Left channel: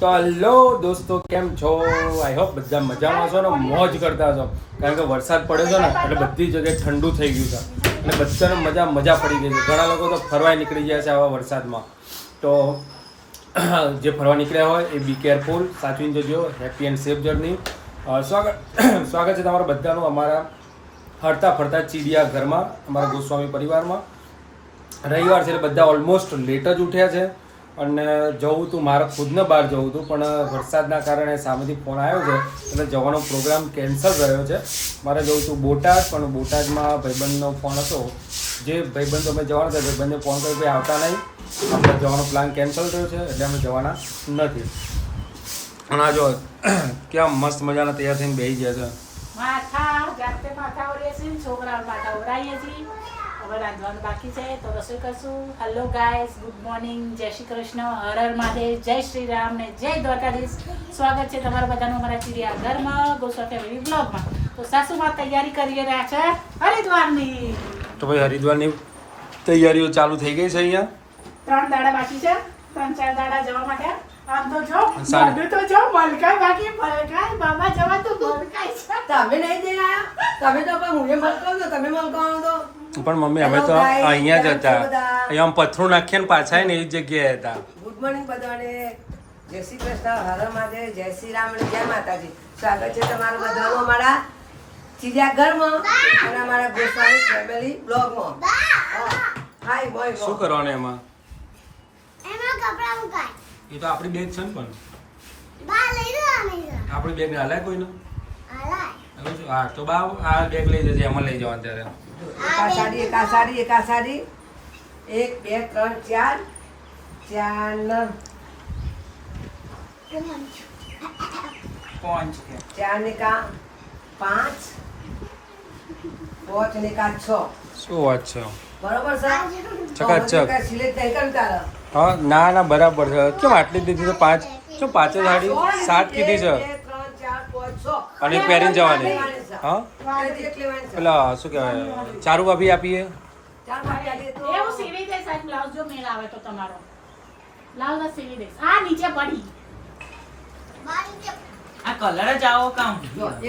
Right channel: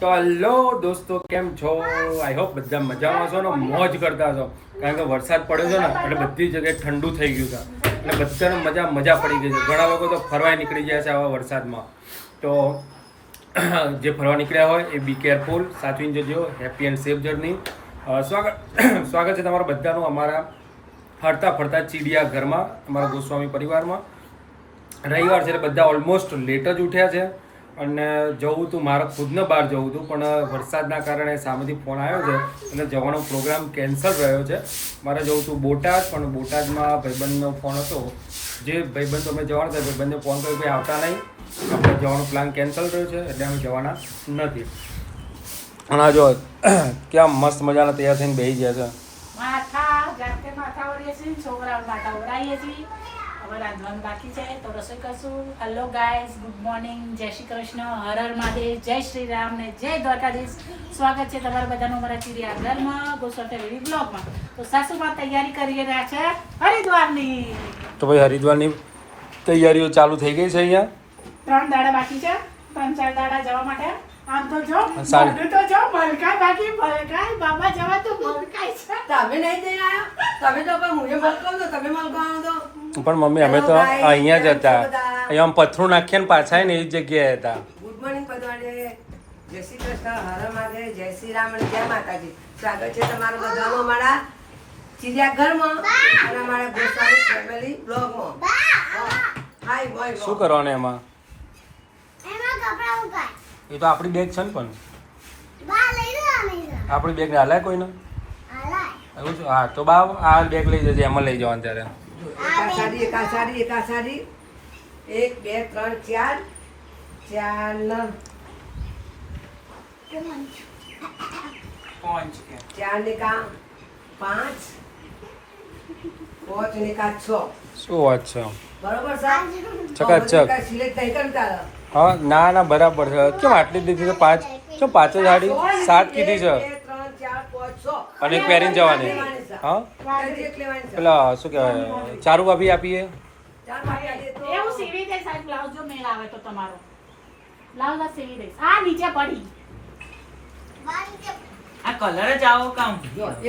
તો હેલો દોસ્તો, કેમ છો? આઈ હોપ બધા મજામાં છો ને મોજ કરતા છો. કારણ કે વરસાદ પડ્યો છે ને એટલે બધી જગ્યાએ ઠંડુ થઈ ગયું છે અને બધાને મજા પડી ગઈ છે. ઘણા લોકો તો ફરવા નીકળી ગયા છે આવા વરસાદમાં. તો જે ફરવા નીકળ્યા હોય એ બી કેરફુલ, સાચવીને જજો. Happy and safe journey. સ્વાગત છે તમારું બધાનું અમારા ફરતા ફરતા ચીડિયા ઘરમાં, અમારા ગોસ્વામી પરિવારમાં. રવિવાર છે એટલે બધા ઓલમોસ્ટ લેટ જ ઉઠ્યા છે અને જવું હતું, મારે ખુદને બહાર જવું હતું પણ વરસાદના કારણે સામેથી ફોન આવ્યો છે એટલે જવાનો પ્રોગ્રામ કેન્સલ રહ્યો છે. મારે જવું હતું બોટાદ, પણ બોટાદમાં ભાઈબંધનો ફોન હતો. જે ભાઈબંધ અમે જવાના હતા ભાઈબંધને ફોન કર્યો ભાઈ આવતા નહીં, આપણે જવાનો પ્લાન કેન્સલ થયો છે એટલે અમે જવાના નથી. અને આ જો ક્યાં મસ્ત મજાના તૈયાર થઈને બેસી ગયા છે. હવે રાંધવાનું બાકી છે તો રસોઈ કરશું. હેલો ગાઈઝ, ગુડ મોર્નિંગ, જય શ્રી કૃષ્ણ, હર હર મહાદેવ, જય શ્રી રામ ને જય દ્વારકાધીશ. સ્વાગત છે તમારા બધાનું અમારા ચીડિયા ઘરમાં, ગોસ્વામી ફેમિલી બ્લોગમાં. તો સાસુમાં તૈયારી કરી રહ્યા છે હરિદ્વારની. તો ભાઈ હરિદ્વારની તૈયારીઓ ચાલુ થઈ ગઈ છે અહીંયા. 3 દાડા બાકી છે, 3-4 દાડા જવા માટે. આમ તો જો બધું તો જો મલકાય બાકી, મલકાય બાબા જવા તો મલકાય છે. તમે નહીં જઈ આયા? તમે તો કોઈ હું મલકાવ તો તમે મલકાવ તો. પણ મમ્મી અમે તો અહીંયા જ હતા, અહીંયા પથરું નાખીએ ને પાછા ને એવી જગ્યાએ હતા. ગુડ મોર્નિંગ બધાને, જય શ્રી કૃષ્ણ, હર મહાદેવ, જય શ્રી રામ અને જય માતાજી. સ્વાગત છે તમારું બધાનું અમારા ચીડિયા ઘરમાં અને અમારા ગોસ્વામી ફેમિલી બ્લોગમાં. હાય બોય. શું કરવાનું એમાં? કપડા મુકાય. એ તો આપણી બેગ છે ને, પણ બા લઈ લો આને. આપણી બેગ હાલાય કોઈને? હાલાય. એવું છે? હા તો બા આ બેગ લઈ જજે, એમાં લઈ જવાનું ત્યારે. એક આ સાડી, 1 2 3 4 4 ને કા 5 5 ને કા 6. શું વાત છે? બરોબર સર? ચકાચક. સિલેક્ટ નહીં કરતા. હા ના બરાબર છે. કેમ આટલી જ દીધી? તો 5 શું 5 જ સાડી 7 કીધી છે 2 3 4 5 6 અને પહેરીને જવાની. હા પેલા શું કહેવાય, ચારુ ભાભી આપીએ. એવું સીવી દઈશ. આ બ્લાઉઝ જો મેળ આવે તો તમારો બ્લાઉઝ સીવી દઈશ. આ નીચે પડી બા નીચે આ કલર જ આવો કામ.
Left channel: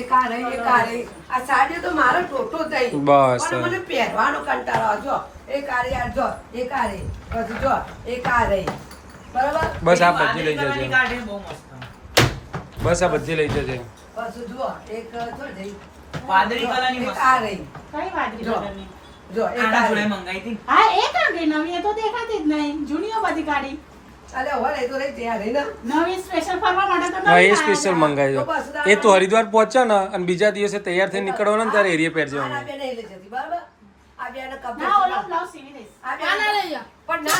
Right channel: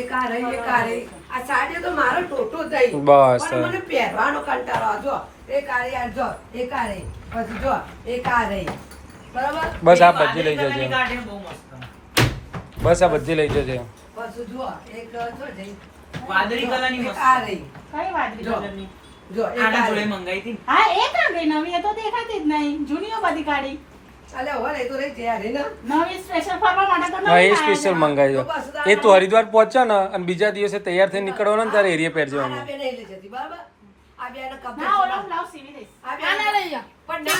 એક આ રહી. આ સાડી તો મારો ટોટો થઈ. બસ. પણ મને પહેરવાનો કંટાળો આવે. જો એક આ રહી, આ જો એક આ રહી, પછી જો એક આ રહી. બરાબર? બસ આ બધી લઈ જજે. ગાડી બહુ મસ્ત. બસ આ બધી લઈ જજે. પછી જો એક જો જઈ વાદળી કલરની એક મસ્ત. આ રહી. કઈ વાદળી જો. કલરની? જો એક આના આ જોડે રહી. મંગાઈ હતી. હા એ કાંડી નવી, એ તો દેખાતી જ નહીં. જૂનીઓ બધી કાઢી. અલે હોલ એ તો રહી ત્યાં રહી ને. નવી સ્પેશિયલ ફરવા માટે તો હા નવી એ સ્પેશિયલ મંગાવી દો. એ તું હરિદ્વાર પહોંચે ને અને બીજા દિવસે તૈયાર થઈને નીકળવાનો ને ત્યારે એરિયા પહેરજો. આ બે નહીં લઈ જતી. બરાબર? આ બે ને કબજે ના ઓલો બ્લાઉઝ સીવી દઈશ. આ બે પણ ના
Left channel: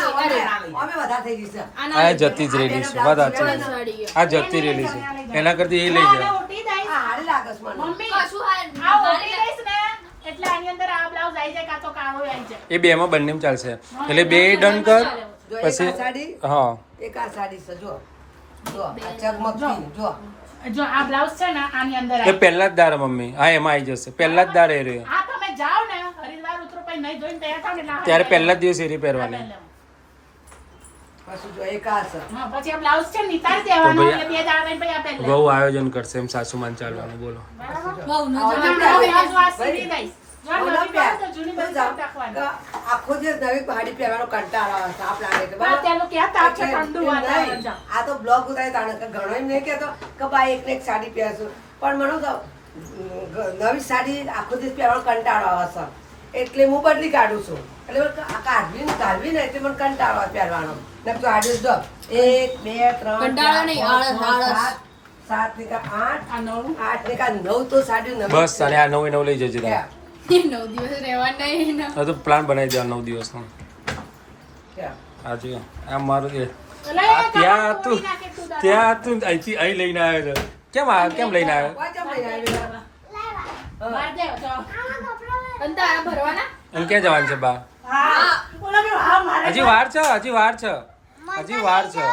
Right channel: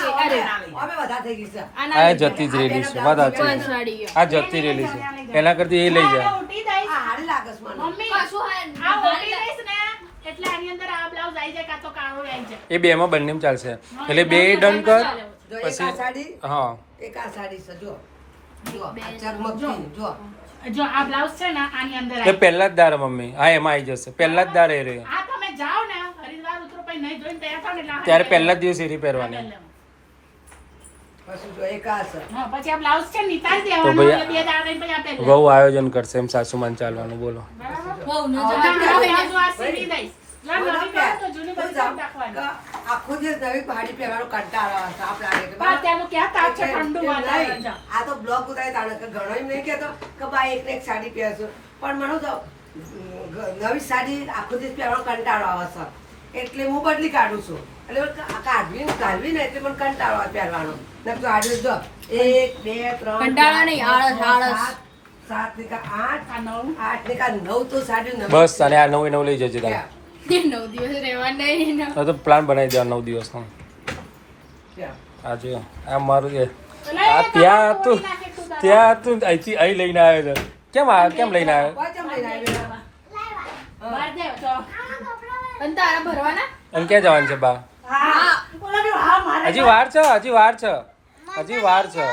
અમે વધારે થઈ ગઈ છે. આ જતી જ રહેલી છે. વાત સાચી છે. આ જતી રહેલી છે. એના કરતી એ લઈ જા. આ ઉઠી દઈશ. આ હારી લાગે છે મને. મમ્મી આ ઉઠી દઈશ ને એટલે આની અંદર આ બ્લાઉઝ આવી જાય કાં તો કાળો આવી જાય. એ બેમાં બંનેમાં ચાલશે. એટલે બે ડન કર. જો એક પછી આ સાડી, હા એક આ સાડી છે. જો જો આ ચરમકી જો. જો આ બ્લાઉઝ છે ને આની અંદર એ આવી પહેલા જ દાર મમ્મી. હા એમાં આવી જશે. પહેલા જ દાર એ રહ્યો. આ તમે જાઓ ને હરિદ્વાર ઉતરો પછી નહીં ધોઈને તૈયાર થાવ ને એટલે આ ત્યારે હરિદ્વાર પહેલા જ દિવસ એરી પહેરવાની. પછી જો એક આ છે. હા પછી આ બ્લાઉઝ છે નિતાર તો દેવાનું. ભાઈ એટલે બે દાડા રહીને પછી આ પહેરી બહુ આયોજન કરશે એમ સાસુમાન ચાલવાનું. બોલો. બરાબર? આવો જો આ સીવી દઈશ. જો નવી બ્લાઉઝ તો જૂની બધી કાઢી નાખવાની. આખો દિવસ નવી સાડી પહેરવાનો કંટાળો આવે. તાપ લાગે છે. બા, ત્યાંનું ક્યાં તાપ છે? ઠંડુ વાતાવરણ છે. આ તો બ્લોગ ઉતારે તાણે ઘણો એમ નહીં કહેતો કે બા એકને એક સાડી પહેરશું, પણ મને તો નવી સાડી આખો દિવસ પહેરવાનો કંટાળો આવે છે એટલે હું બદલી કાઢું છું. એટલે કાઢવી ને એટલે મને કંટાળો આવે પહેરવાનો. ને તો આજે જો 1 2 3 કંટાળો નહીં, આળસ. 7 ને કા 8 આ નવું 8 ને કા 9 તો સાડી નવી બસ અને આ 9 લઈ જજે તમે. 9 દિવસ રહેવાના નહીં. હા તો પ્લાન બનાવી દેવા 9 દિવસનો. છે. આ જો આ મારું છે. લઈ આ લે, ત્યાં તમે તું કોળી નાખી તું દાદા. ત્યાં તું અહીંથી અહીં લઈને આવ્યો છે. કેમ લઈને આવ્યો? કોઈ કેમ લઈને આવી? બહાર દે, જો. અને તારા ભરવાના? અને ક્યાં જવાનું છે બા? હા ઓલા બી હા મારે હજી વાર છે.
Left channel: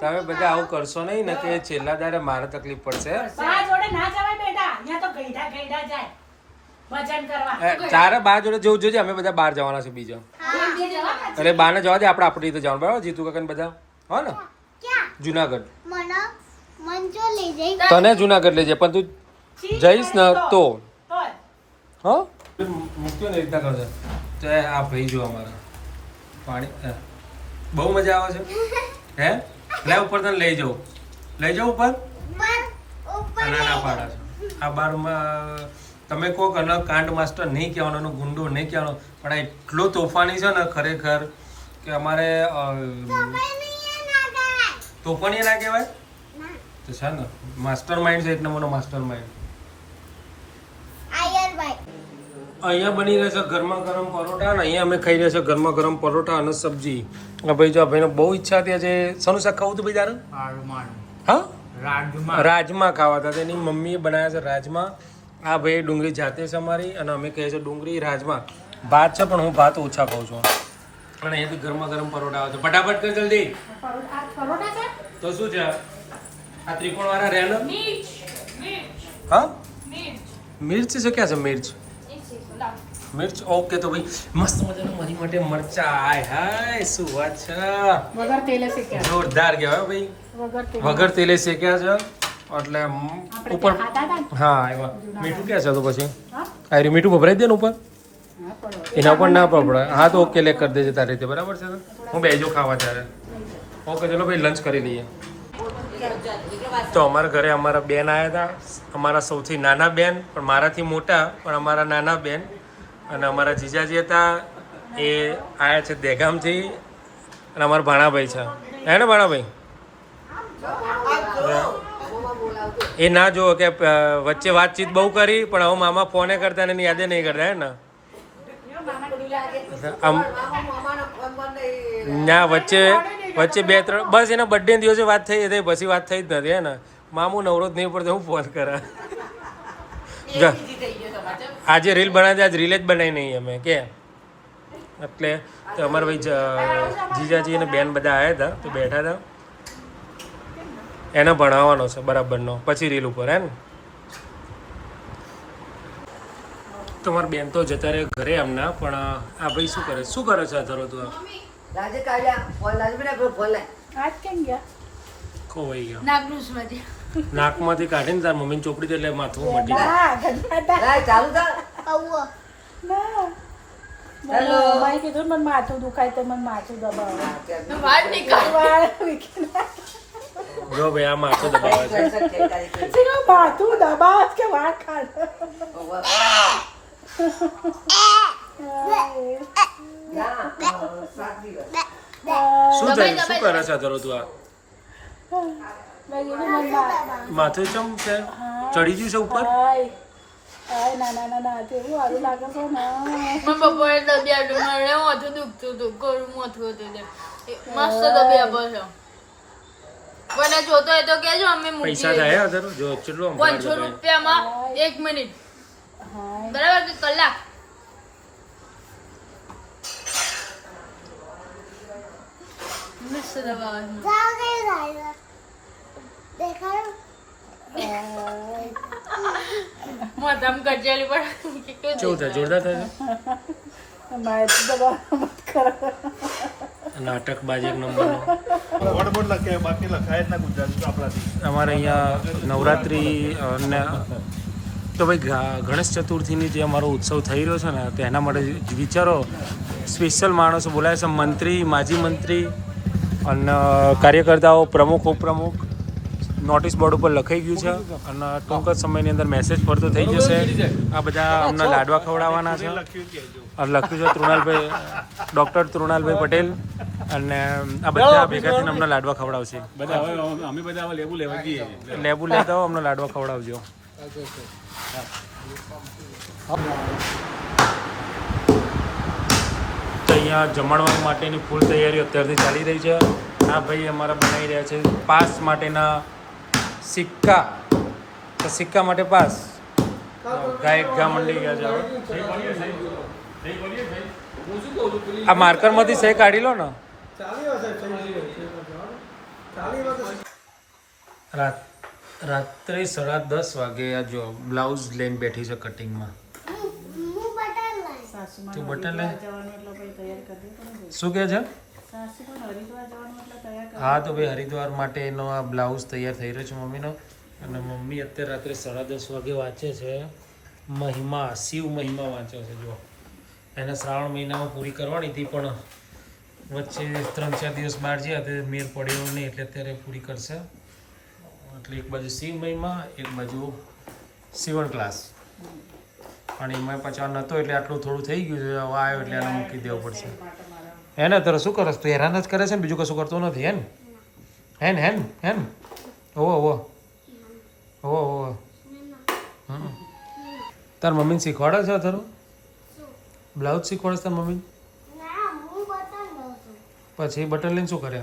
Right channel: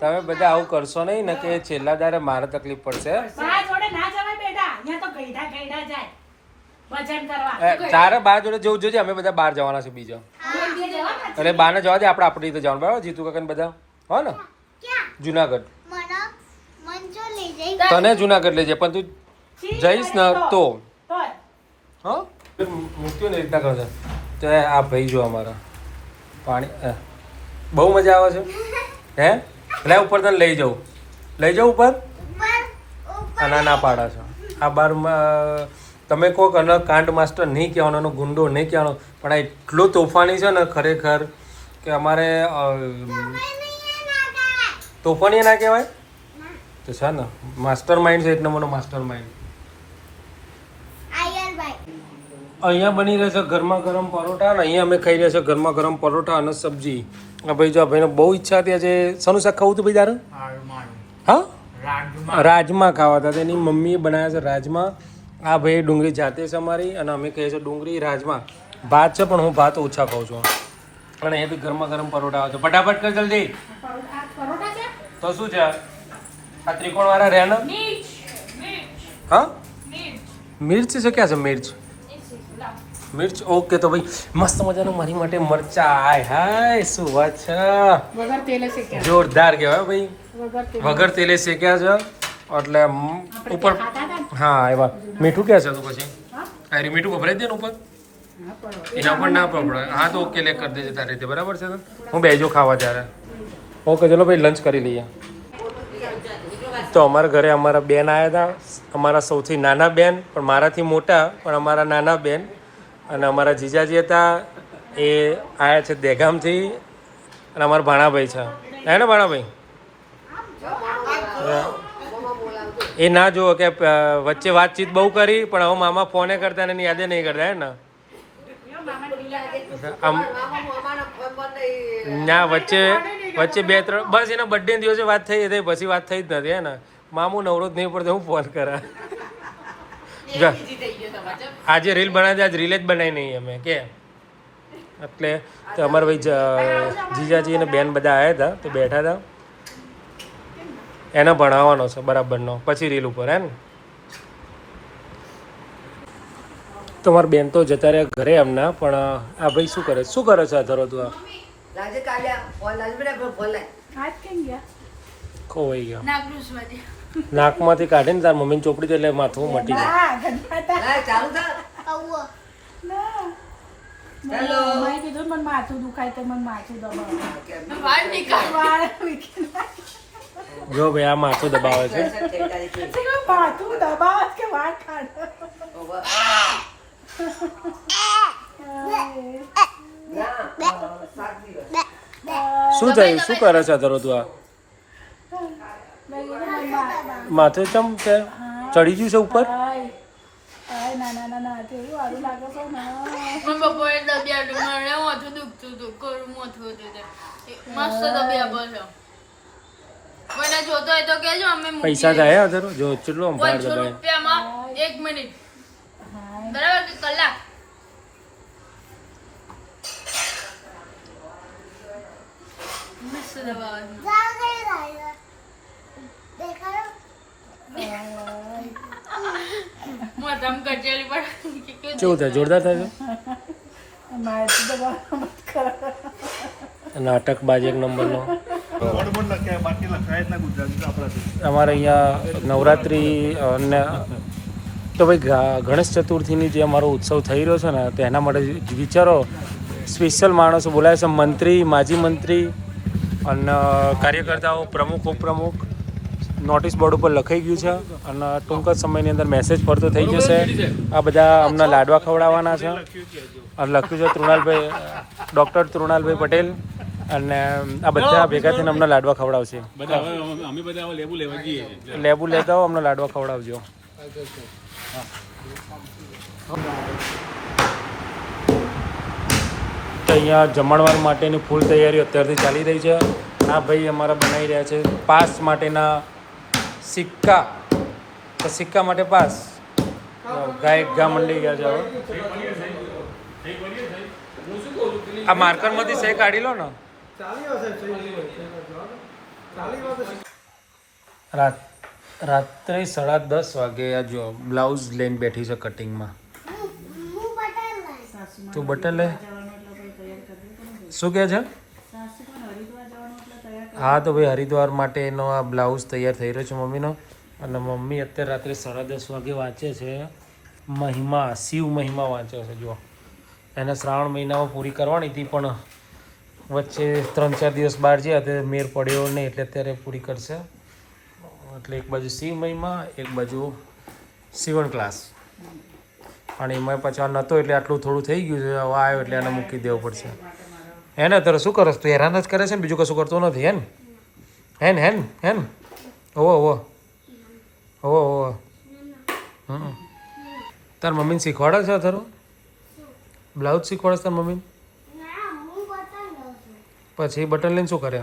તમે બધા આવું કરશો નહીં ને કે છેલ્લા દાડે મારે તકલીફ પડશે. બા જોડે ના જવાય બેટા. અહીંયા તો ગઈઢા જાય ભજન કરવા. તારે બા જોડે જવું જોઈએ. અમે બધા બહાર જવાના છે બીજા. જવાના જ. એટલે બાને જવા દે. આપણે આપણી રીતે જવાનું બરાબર. જીતુ કાકા ને બધા હો ને જુનાગઢ. તને જુનાગઢ લઈ જાય પણ તું જઈશ ને તો હા મૂક્યો ને રીતના કરતા તો આ ભાઈ જો અમારા પાણી બહુ મજા આવે છે હે લે ઉપર તને લઈ જાઉં ઉપર અને ના પાડા છો આ બારમાં તમે કોઈક અલગ કાંડ માસ્ટર નહીં કહેવાનો એનો ગુંડો નહીં કહેવાનો પણ આ એટલો તોફાની છે ને ખરેખર કે અમારે તોફાની ના કહેવાય તો છે ને માસ્ટર માઇન્ડ છે એક નંબરનો માસ્ટર માઇન્ડ અહીંયા બની રહેશે ગરમા ગરમ પરોઠા અને અહીંયા અમે ખાઈ રહ્યા છે ગરમા ગરમ પરોઠા અને સબ્જી ભાઈ જો ભાઈને બહુ ઈચ્છા હતી આજે શાનું શાક ખાવું હતું ભાઈ તારે હા રાજમા ખાવા હતા એની મમ્મીએ બનાવ્યા છે રાજમા આ ભાઈ ડુંગળી જાતે છે અમારી અને અમે કહીએ છીએ ડુંગળી રાજમા ભાત છે પણ હું ભાત ઓછા ખાઉં છું અને અહીંયાથી ગરમા ગરમ પરોઠા આવે છે ફટાફટ કર જલ્દી તો શું છે આ ત્રિકોણ વાળા રહ્યા ને હા મિર્ચ છે ક્યાં છે મિર્ચ ઓકે તો ભાઈ મસ્ત મજાનું મારી માટે મરચા હાય હાય શું વાત છે વગર તેલે શેક્યા જોરદાર કહેવાય ભાઈ વગર તેલે શેક્યા છે એટલે ઉપર હા એવા મીઠું ક્યાં છે તો પછી આ મીઠું ભભરાઈ દે ને ઉપર એના પર ના પપડે હા તો ઓકે લે કરી દેજે તારી રીતે બરાબર છે હું બેજો ખાવા ત્યારે ઓકે ચલો ભાઈ લંચ કરી લઈએ તો અમારા ઘરે અમારા બેન આવ્યા હતા અમારા સૌથી નાના બેન પણ મારાથી મોટા પણ અમારા નાના બેન અને અમારા જીજાજી હતા એ આવ્યા છે દહેગામથી અને અમારા ભાણાભાઈ છે હે ને ભાણાભાઈ એ ના જુઓ કે વચ્ચે વાતચીત બહુ કરી પણ હવે મામા ફોને કરતા ને એની યાદે નહીં કરતા હે ને આમ ના વચ્ચે 2-3 બસ એના બર્થડે દિવસે વાત થઈ હતી પછી વાત થઈ જ નથી હે ને મામું નવરો જ નહીં પડતો હું ફોન કરા આજે રીલ બનાવી આજ રીલ જ બનાવી નહીં અમે કે એટલે તો અમારા ભાઈ જીજાજી અને બેન બધા આવ્યા હતા તો બેઠા હતા એને ભણાવવાનો છે બરાબરનો પછી રીલ ઉપર હે ને તમારા બેન તો જતા રહ્યા ઘરે એમના પણ આ ભાઈ શું કરે છે આ ધરો તું આ ખોવાઈ ગયો નાકમાંથી કાઢીને તાર મમ્મીને ચોપડી દે એટલે માથું મટી મેં કીધું મને માથું દુખાય તો મને માથું દબાવે જો ભાઈ આ માથું દબાવે છે માથું દબાવ કે વાત શું થયું શું કરે છે ધરો તું આ માથું ચમ છે ચડી ગયું છે ઉપર ના કેવું સારું લાગે છે ને બપોરે દબિયા માથું દુખતું હતું કોરું માથું હતું મસ્ત દબિયા પર મને જોતો હોય તો કેજો અમે પૈસા થાય ધરો જો કેટલું આમ 500 રૂપિયામાં 1 મિનિટ બરાબર કે કલાક મસ્ત દબાવ માથામ કચેલી પર કેવું થાય જોરદાર થાય માથું દબાવ નાટક બાજ એક નંબરનો અમારે અહીંયા નવરાત્રિ અને તો ભાઈ ગણેશ ચતુર્થીની જે અમારો ઉત્સવ થઈ રહ્યો છે ને તો એના માટે વિચારો સ્પેશિયલ માણસો બોલાય છે મંત્રી માજી મંત્રી અને કાર્યકર્તાઓ પ્રમુખ ઉપપ્રમુખ નોટિસ બોર્ડ ઉપર લખાઈ ગયું છે અને ટૂંક જ સમયની અંદર મેસેજ ફરતો થઈ જશે આ બધા અમને લાડવા ખવડાવવાના છે અને લખ્યું છે તૃણાલભાઈ ડૉક્ટર તૃણાલભાઈ પટેલ અને આ બધા ભેગા થઈને અમને લાડવા ખવડાવશે લેબુ લેતા હો અમને લાડવા ખવડાવજો તો અહીંયા જમણવાર માટેની ફૂલ તૈયારીઓ અત્યારથી ચાલી રહી છે આ ભાઈ અમારા બનાવી રહ્યા છે પાસ માટેના સિક્કા તો સિક્કા માટે પાસ ઘા મંડી ગયા છે હવે આ માર્કરમાંથી સહી કાઢી લો ને રાત્રે 10:30 વાગે આ જો બ્લાઉઝ લઈને બેઠી છે કટિંગમાં તું બટન લે શું કહે છે હા તો ભાઈ હરિદ્વાર માટેનો આ બ્લાઉઝ તૈયાર થઈ રહ્યો છે મમ્મીનો અને મમ્મી અત્યારે રાત્રે 10:30 વાગે વાંચે છે મહિમા, શિવ મહિમા વાંચે છે. જો એને શ્રાવણ મહિનામાં પૂરી કરવાની હતી, પણ વચ્ચે 3-4 દિવસ બહાર ગયા તે મેર પડ્યો નહીં, એટલે અત્યારે પૂરી કરશે. એટલે એક બાજુ શિવ મહિમા, એક બાજુ સીવણ ક્લાસ. અને એમાં પાછા નહોતો એટલે આટલું થોડું થઈ ગયું છે. હવે આવ્યો એટલે એને મૂકી દેવું પડશે. હે ને? તારે શું કરસ તું? હેરાન જ કરે છે ને, બીજું કશું કરતો નથી. હેન ઓવો તાર મમ્મીને શીખવાડે છે તારું બ્લાઉઝ શીખવાડે છે તાર મમ્મી? પછી બટન લઈને શું કરે?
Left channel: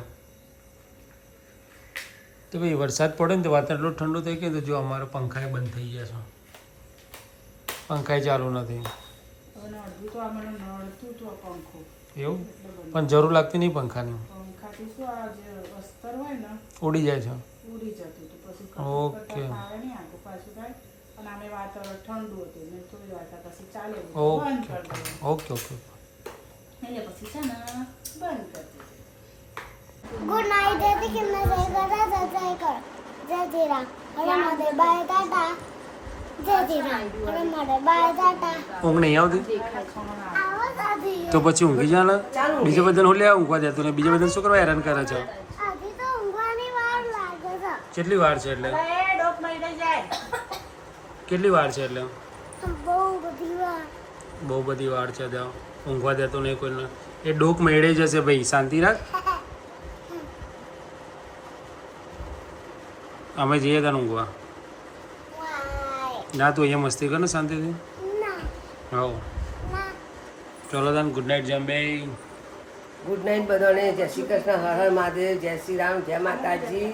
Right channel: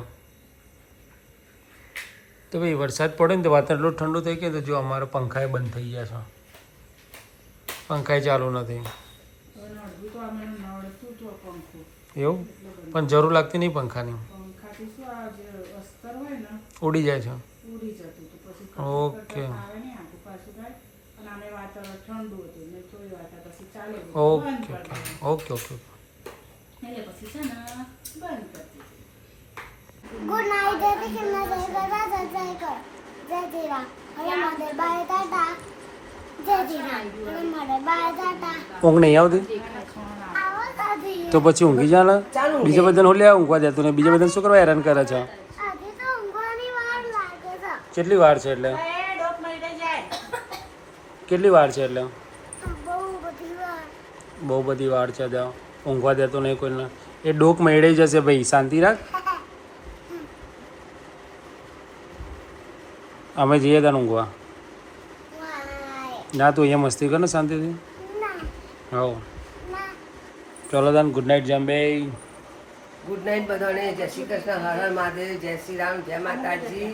તો ભાઈ વરસાદ પડે ને તો વાતાવરણ એટલું ઠંડુ થઈ ગયું તો જો અમારે પંખાએ બંધ થઈ ગયા છે, પંખાએ ચાલુ નથી. એવું પણ જરૂર લાગતી નહીં પંખાની, ઉડી જાય છે. Okay okay okay. Good night जय श्री कृष्ण जय कर जय श्री राम हरे माधव बाय टाटा जय श्री राम हरे माधव बाय टाटा. ઊંઘ નહીં આવતી આવો સાથી તો પછી ઊંઘી જા ને. બીજા બધાને હું લે ઊંઘવા દેતું ને બીજા બધાને શું કરવા હેરાન કરે છે? આજે તો ઊંઘવાની વાર લાગે છે. કેટલી વાર છે એટલે? કેટલી વાર છે એટલે? બહુ બધી વાર બહુ બધી વાર છે. ત્યાં ઊંઘવા દેતો નહીં કોઈને. એ ડોક મેળે જશે ભાઈ, શાંતિ રાખ. અમે જઈએ ત્યાં ઊંઘવા. વાય ના તું અહીંયા મસ્તી કર ને શાંતિથી. ના હો ના ચલો તાન ગુડ નાઇટ જમ્બે. ગુડ નાઇટ બધાને. જય શ્રી કૃષ્ણ, હર હર મહાદેવ, જય શ્રી રામ, જય માતાજી.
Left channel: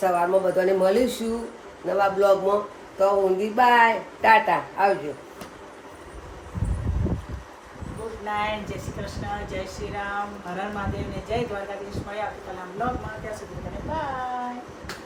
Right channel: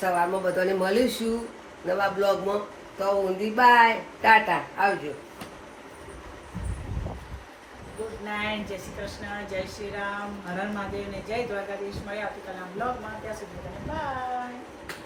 સવારમાં બધાને મળીશું નવા બ્લોગમાં. તો ઊંધી બાય ટાટા, આવજો. ગુડ નાઇટ, જય શ્રી કૃષ્ણ, જય શ્રી રામ, હર હર મહાદેવ ને જય દ્વારકાધીશ. મળ્યા આવતીકાલના બ્લોગમાં. ત્યાં સુધી બાય.